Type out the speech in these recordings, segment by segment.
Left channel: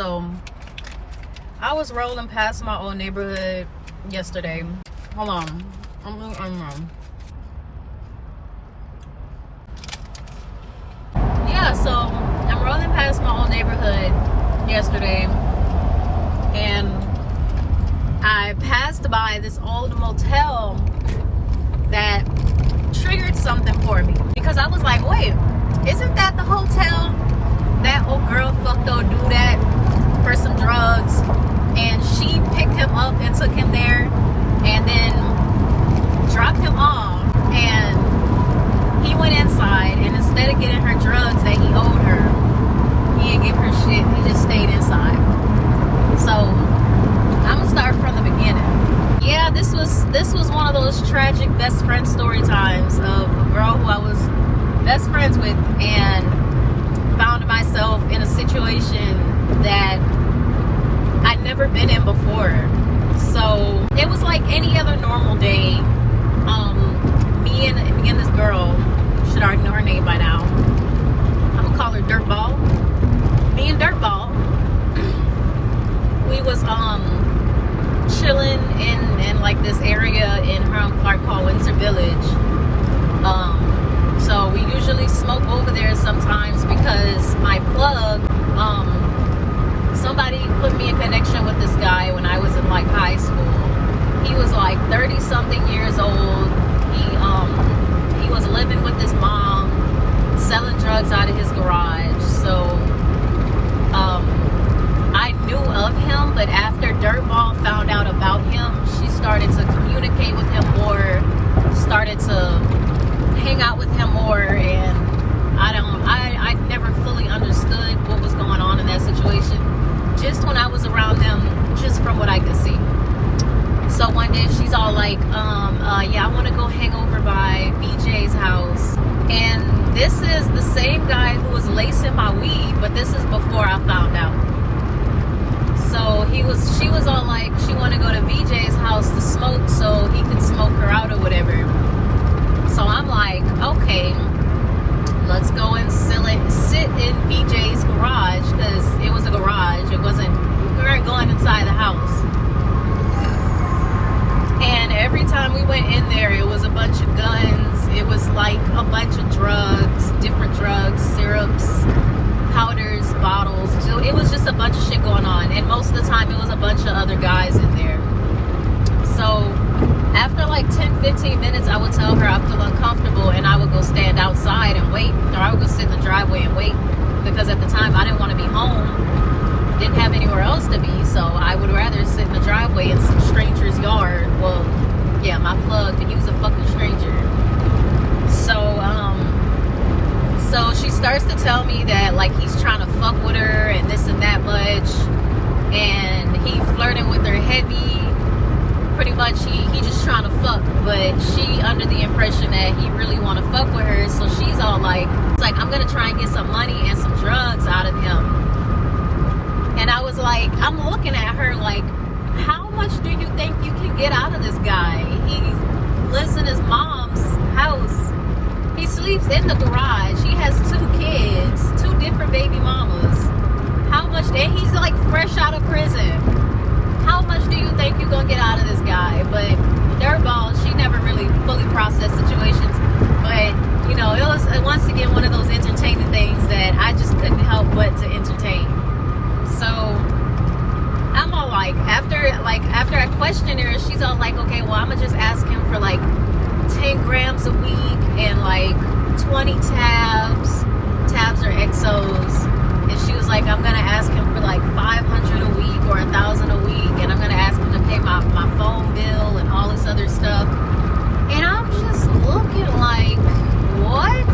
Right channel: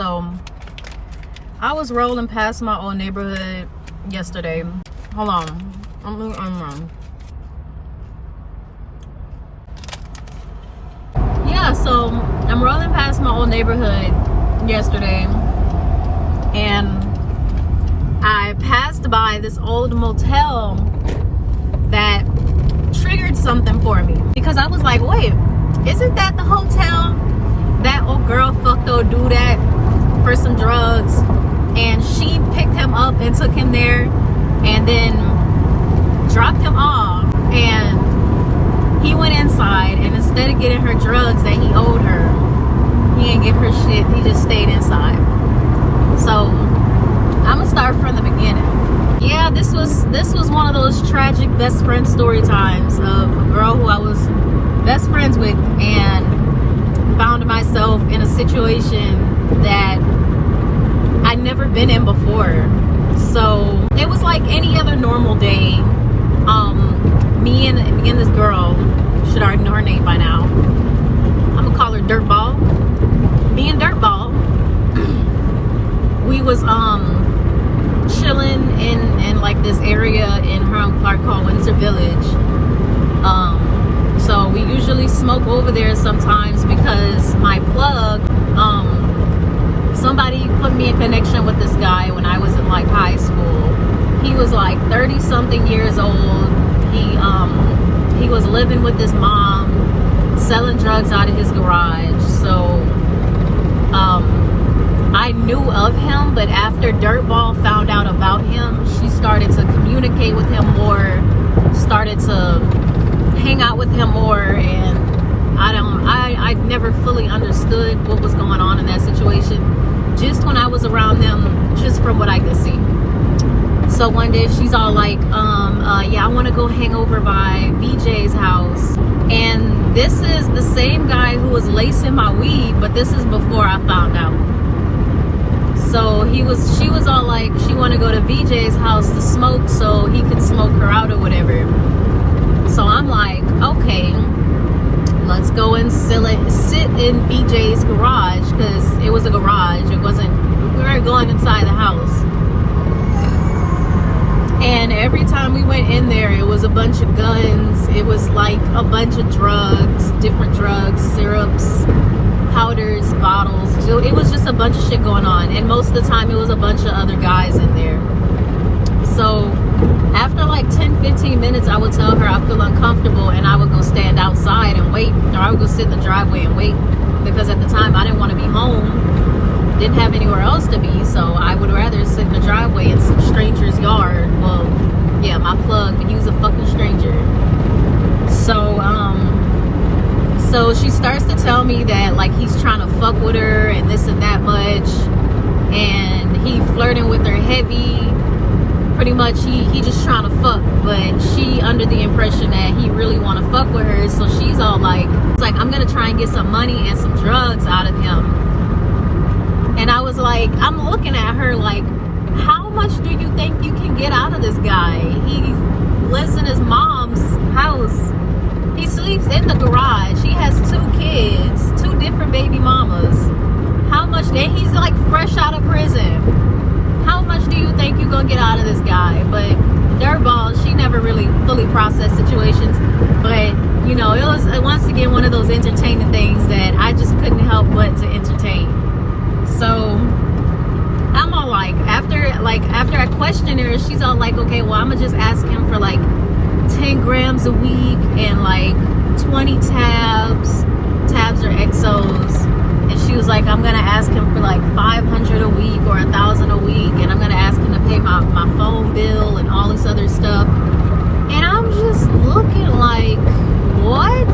So I was rolling past my old neighborhood yesterday. Hold on. Yeah, so I'm rolling past my old neighborhood yesterday, and I passed by this old motel that triggered something for me, because I was like, wait, isn't that the hotel that old girl fucked old dude at for some drugs, and she picked him up and took him there and then dropped him off, and he went inside, and instead of getting her drugs that he owed her, he didn't give her shit, he just stayed inside. So I'm gonna start from the beginning. Yeah, this was one of those tragic best friend story times of a girl who I was best friends with, and found myself in a situation that I'd never been in before. So it was like any other normal day. Me and this girl, should already know her name by now, I'm gonna call her Dirtball. Me and Dirtball, we was chilling in like this area in Hiram Clark called Windsor Village. So we usually smoke over there sometimes because my plug, somebody put me in connection with this guy when I was in like high school. He was like 30 something years old. He was living with his mom, selling drugs out of his garage. So I knew of him, but after Dirtball found out about him, she started to communicate with him more, started to hang out with him more, and I never fully understood what was going on in that situation, just when I was around them, just from what I could see. So one day she's all like, yeah, I want to go hang over by VJ's house. And this is the same guy who was lacing my weed, but this is before I found out. So she was all like, she want to go to VJ's house to smoke so he can smoke her out or whatever. So I'm like, okay, let's go and sit in VJ's garage, because it was a garage. We weren't going inside the house. And every time we went in there, it was a bunch of guns. It was like a bunch of drugs, different drugs, syrups, powders, bottles. So it was just a bunch of shit going on. And most of the time, it was a bunch of other guys in there. So after like 10-15 minutes, I would tell her I feel uncomfortable, and I would go stand outside and wait, or I would go sit in the driveway and wait, because at the time I didn't want to be home, didn't have anywhere else to be, so I would rather sit in the driveway in some stranger's yard. Well, yeah, my plug, and he was a fucking stranger. So she starts to tell me that like he's trying to fuck with her and this and that much, and he flirting with her heavy. Pretty much he just trying to fuck, but she under the impression that he really want to fuck with her. So she's all like, it's like, I'm gonna try and get some money and some drugs out of him. And I was like, I'm looking at her like, how much do you think you can get out of this guy? He lives in his mom's house. He sleeps in the garage. He has 2 kids, 2 different baby mamas. How much, and he's like fresh out of prison. How much do you think you're gonna get out of this guy? But Dirtball, she never really fully processed situations. But, you know, it was once again one of those entertaining things that I just couldn't help but to entertain. So I'm all like, after I question her, she's all like, okay, well, I'm gonna just ask him for like 10 grams a week and like 20 tabs or exos. And she was like, I'm gonna ask him for like 500 a week or 1,000 a week, and I'm gonna ask him to pay my phone bill and all this other stuff. And I'm just looking like, what?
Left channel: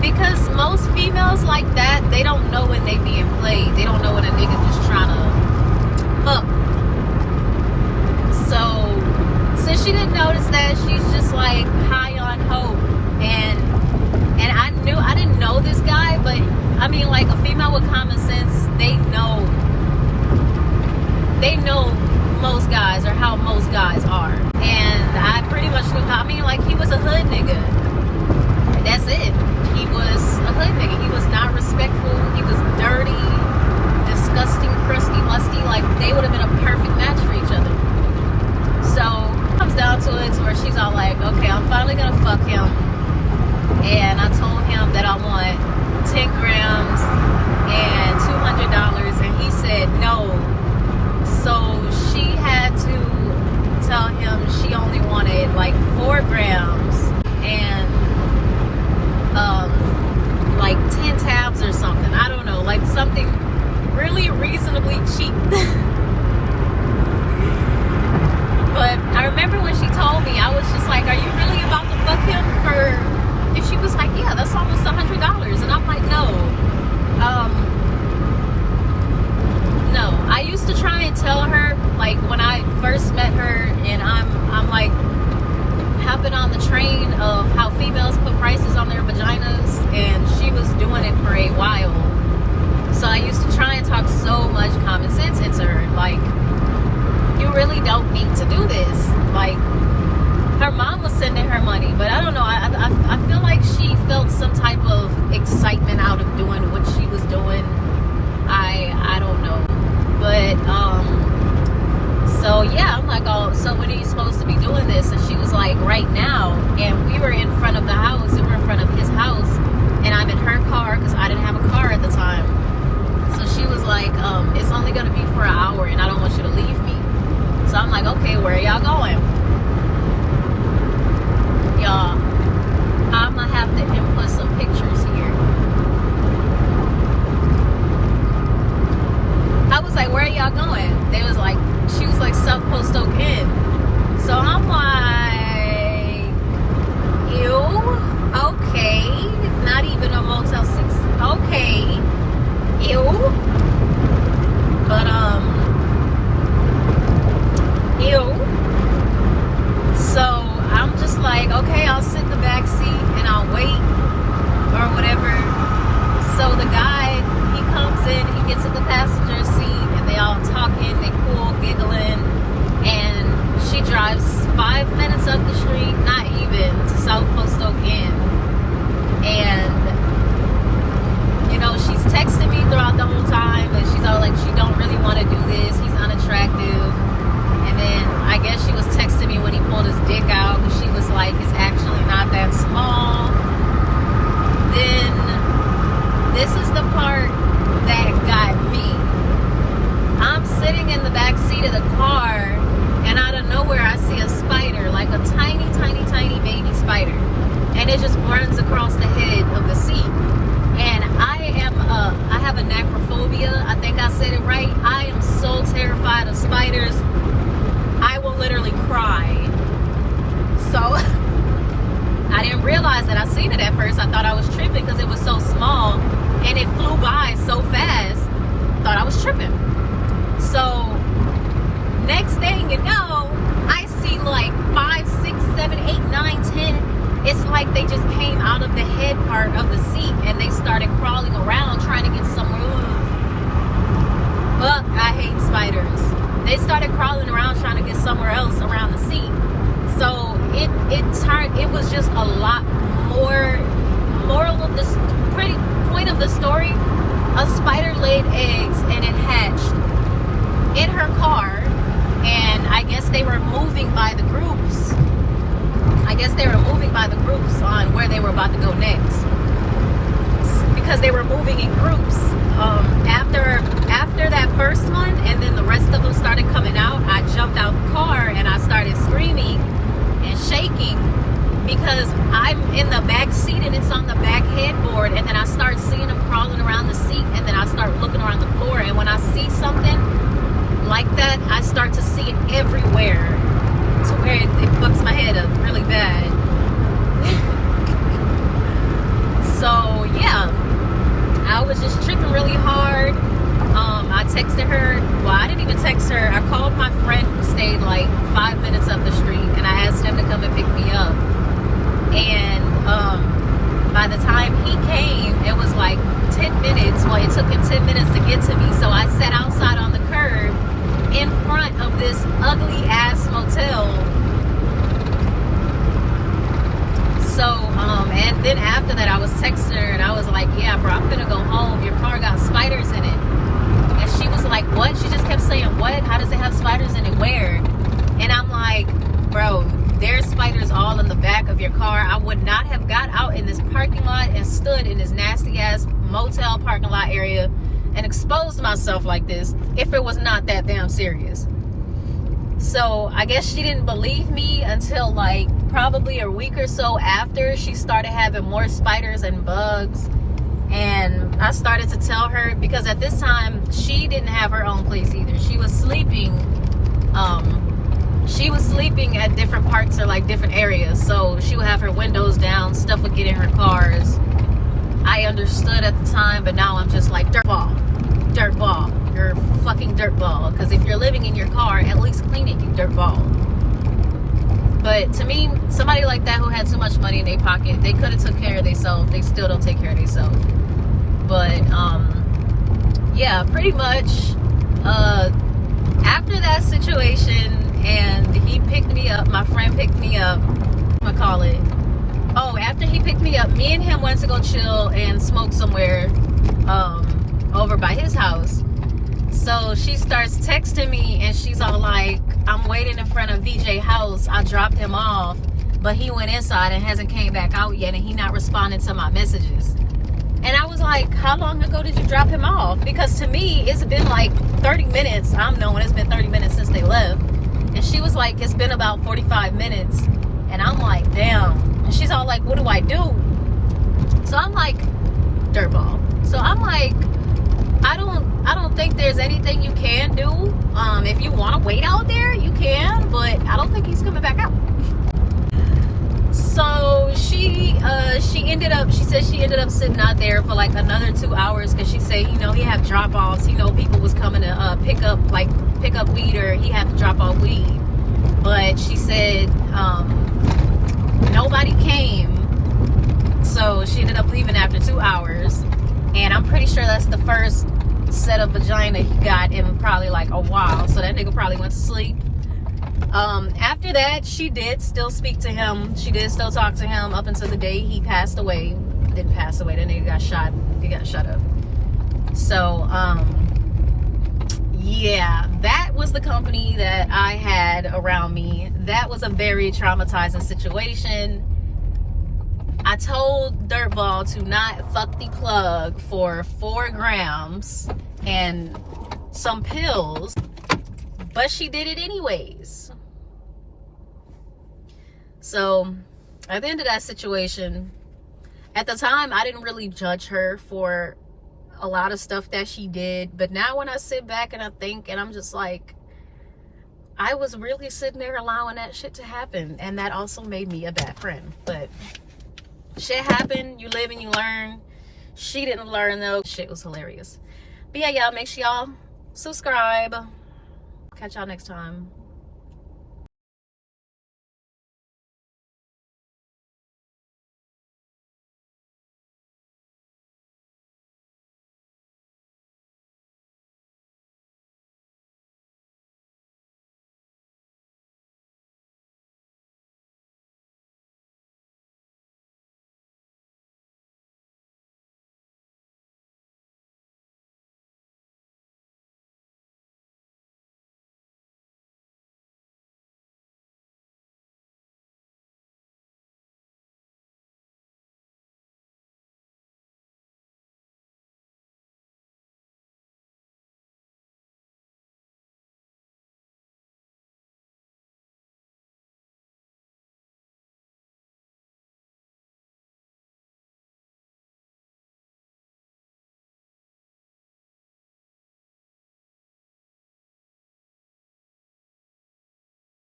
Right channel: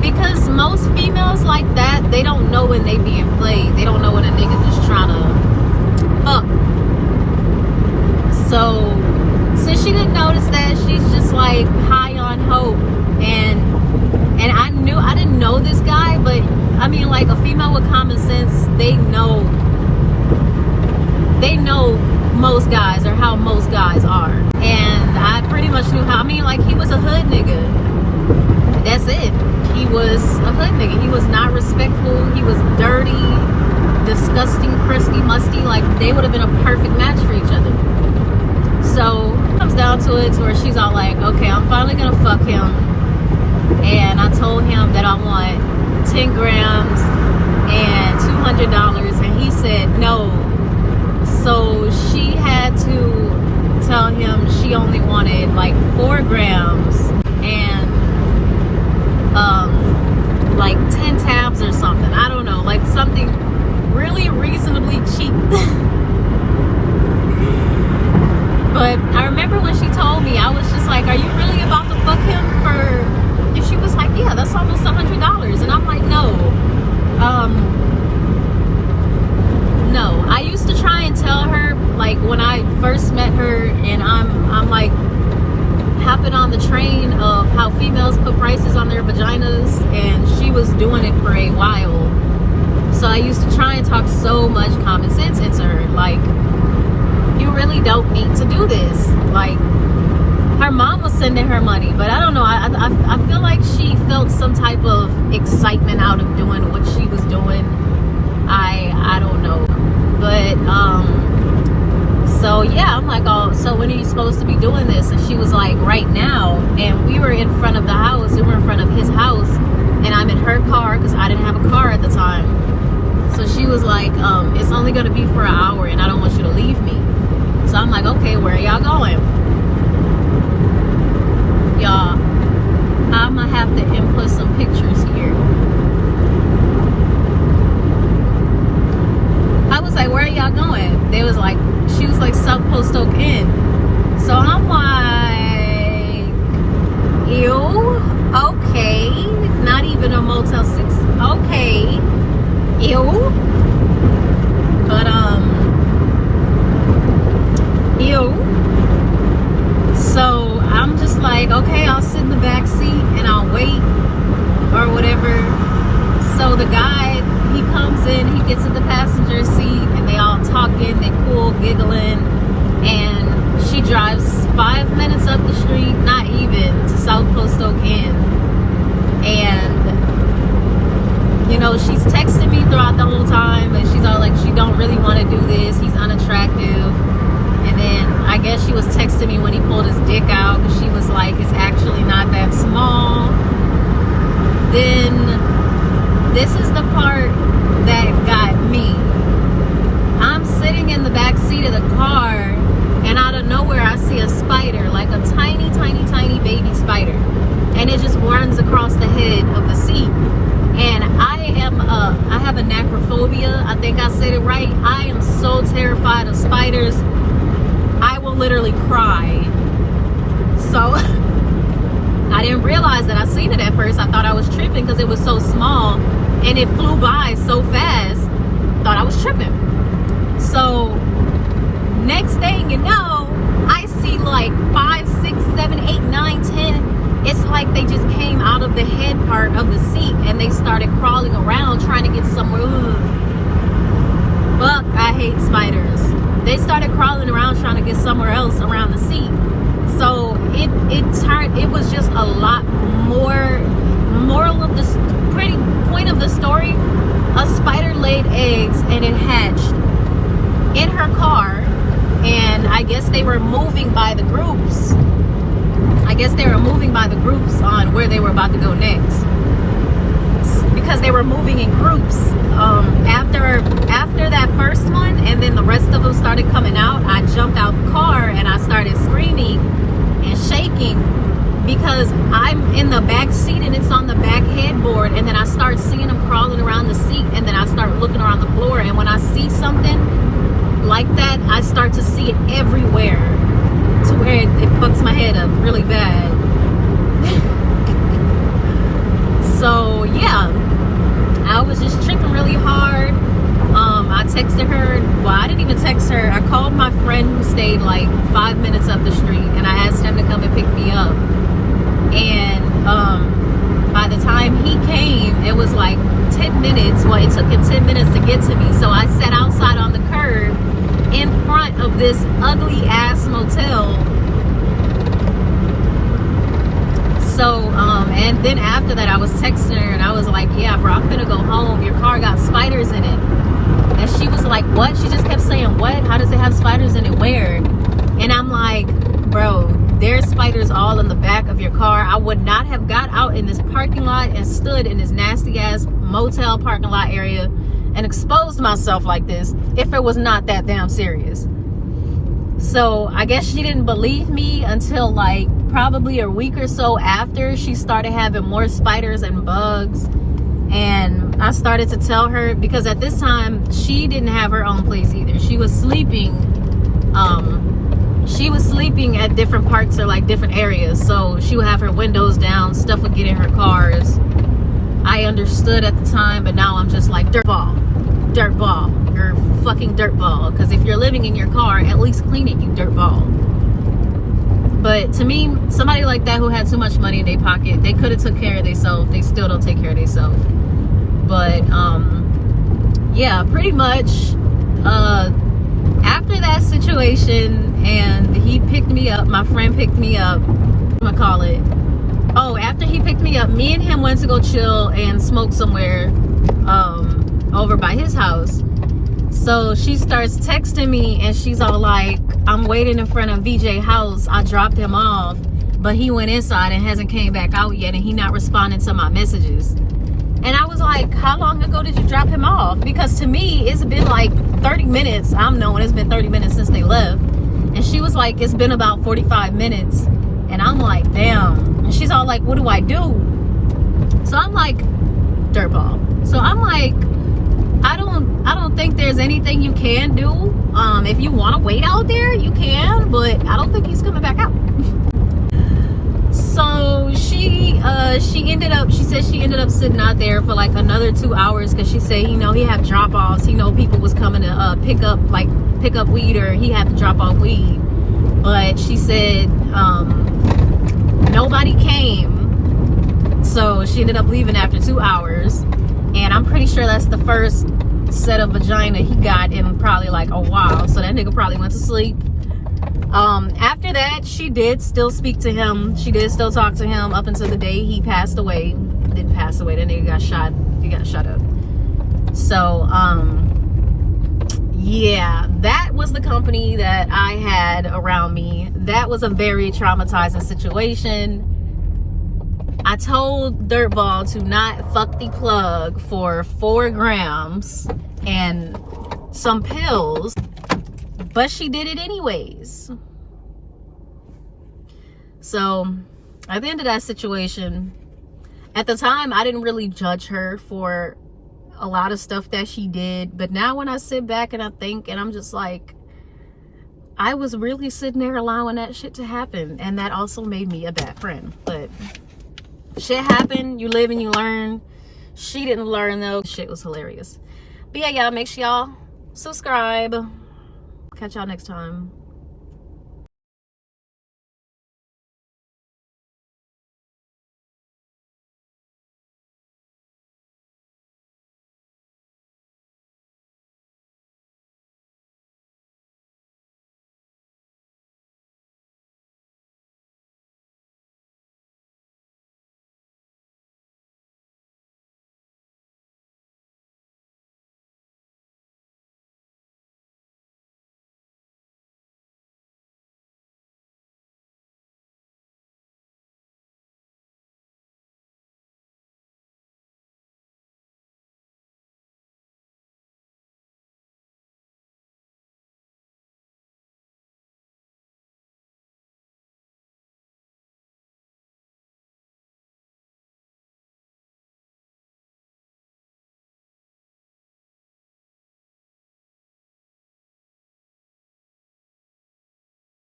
Because most females like that, they don't know when they being played. They don't know when a nigga just trying to fuck. So since she didn't notice that, she's just like high on hope. And I didn't know this guy, but I mean, like, a female with common sense, they know most guys, or how most guys are. And I pretty much knew how. I mean, like, he was a hood nigga. That's it. He was a hood nigga. He was not respectful. He was dirty, disgusting, crusty they would have been a perfect match for each other. So it comes down to it to where she's all like, okay, I'm finally gonna fuck him. And I told him that I want 10 grams and $200, and he said no. So she had to tell him she only wanted like 4 grams and like 10 tabs or something. I don't know, like something really reasonably cheap. But I remember when she told me, I was just like, are you really about to fuck him for? And she was like, yeah, that's almost $100. And I'm like, no. No. I used to try and tell her, like when I first met her, and I'm like hopping on the train of how females put prices on their vaginas, and she was doing it for a while. So I used to try and talk so much common sense into her, like, you really don't need to do this. Like, her mom was sending her money, but I don't know, I feel like she felt some type of excitement out of doing what she was doing. I don't know. But so yeah, I'm like, oh, so when are you supposed to be doing this? And she was like, right now. And we were in front of the house, we were in front of his house, and I'm in her car because I didn't have a car at the time. So she was like, it's only gonna be for an hour and I don't want you to leave me. So I'm like, okay, where are y'all going? Y'all, I'm gonna have to input some pictures here. I was like, where are y'all going? They was like, she was like, South Post Oak Inn. So I'm like, ew, okay. Not even a Motel 6. Okay. Ew. But ew. So I'm just like, okay, I'll sit in the back seat and I'll wait or whatever. So the guy, he comes in, he gets in the passenger seat, and they all talking, they cool, giggling, and she drives 5 minutes up the street, not even, to South Post Oak Inn. And you know, she's texting me throughout the whole time, and she's all like, she don't really want to do this, he's unattractive. And then I guess she was texting me when he pulled his dick out, and she was like, it's actually not that small. Then this is the part that got me. I'm sitting in the back seat of the car, and out of nowhere I see a spider, like a tiny, tiny, tiny baby spider, and it just runs across the head of the seat. And I have a necrophobia. I think I said it right. I am so terrified of spiders. I will literally cry. So I didn't realize that I seen it at first. I thought I was tripping because it was so small and it flew by so fast. Thought I was tripping. So next thing you know, I see like 5, 6, 7, 8, 9, 10. It's like they just came out of the head part of the seat and they started crawling around trying to get somewhere. Ugh. Fuck, I hate spiders. They started crawling around trying to get somewhere else around the seat. So it was just a lot more. Moral of the pretty point of the story, a spider laid eggs and it hatched in her car, and I guess they were moving by the groups. On where they were about to go next, because they were moving in groups. After that first one, and then the rest of them started coming out, I jumped out the car and I started screaming and shaking because I'm in the back seat and it's on the back headboard, and then I start seeing them crawling around the seat, and then I start looking around the floor, and when I see something like that, I start to see it everywhere to where it fucks my head up really bad. So yeah, I was just tripping really hard. I texted her. Well, I didn't even text her. I called my friend who stayed like 5 minutes up the street, and I asked him to come and pick me up. And by the time he came, it was like 10 minutes. Well, it took him 10 minutes to get to me. So I sat outside on the curb in front of this ugly ass motel. So, and then after that, I was texting her and I was like, yeah, bro, I'm gonna go home. Your car got spiders in it. And she was like, what? She just kept saying, what? How does it have spiders in it? Where? And I'm like, bro, there's spiders all in the back of your car. I would not have got out in this parking lot and stood in this nasty ass motel parking lot area and exposed myself like this if it was not that damn serious. So I guess she didn't believe me until like probably a week or so after she started having more spiders and bugs. And I started to tell her, because at this time she didn't have her own place either. She was sleeping at different parks or like different areas, so she would have her windows down, stuff would get in her cars. I understood at the time, but now I'm just like, dirtball, you're a fucking dirtball. Because if you're living in your car, at least clean it, you dirtball. But to me, somebody like that who had too much money in their pocket, they could have took care of themselves. They still don't take care of themselves. But yeah, pretty much after that situation, and he picked me up, my friend picked me up, after he picked me up, me and him went to go chill and smoke somewhere over by his house. So she starts texting me and she's all like, I'm waiting in front of VJ house, I dropped him off, but he went inside and hasn't came back out yet, and he not responding to my messages. And I was like, how long ago did you drop him off? Because to me, it's been like 30 minutes. I'm knowing it's been 30 minutes since they left. And she was like, it's been about 45 minutes. And I'm like, damn. And she's all like, what do I do? So I'm like, dirtball. So I'm like, I don't think there's anything you can do. If you want to wait out there, you can, but I don't think he's coming back out. So she said she ended up sitting out there for like another 2 hours, because she said, you know, he had drop-offs, you know, people was coming to pick up weed, or he had to drop off weed. But she said nobody came, so she ended up leaving after 2 hours. And I'm pretty sure that's the first set of vagina he got in probably like a while, so that nigga probably went to sleep. After that, she did still speak to him. She did still talk to him up until the day he passed away. Didn't pass away, the nigga got shot. He got shot up. So, yeah, that was the company that I had around me. That was a very traumatizing situation. I told Dirtball to not fuck the plug for 4 grams and some pills, but she did it anyways. So at the end of that situation, at the time I didn't really judge her for a lot of stuff that she did, but now when I sit back and I think, and I'm just like, I was really sitting there allowing that shit to happen, and that also made me a bad friend. But shit happened, you live and you learn. She didn't learn though. Shit was hilarious. But yeah, y'all, make sure y'all subscribe. Catch y'all next time.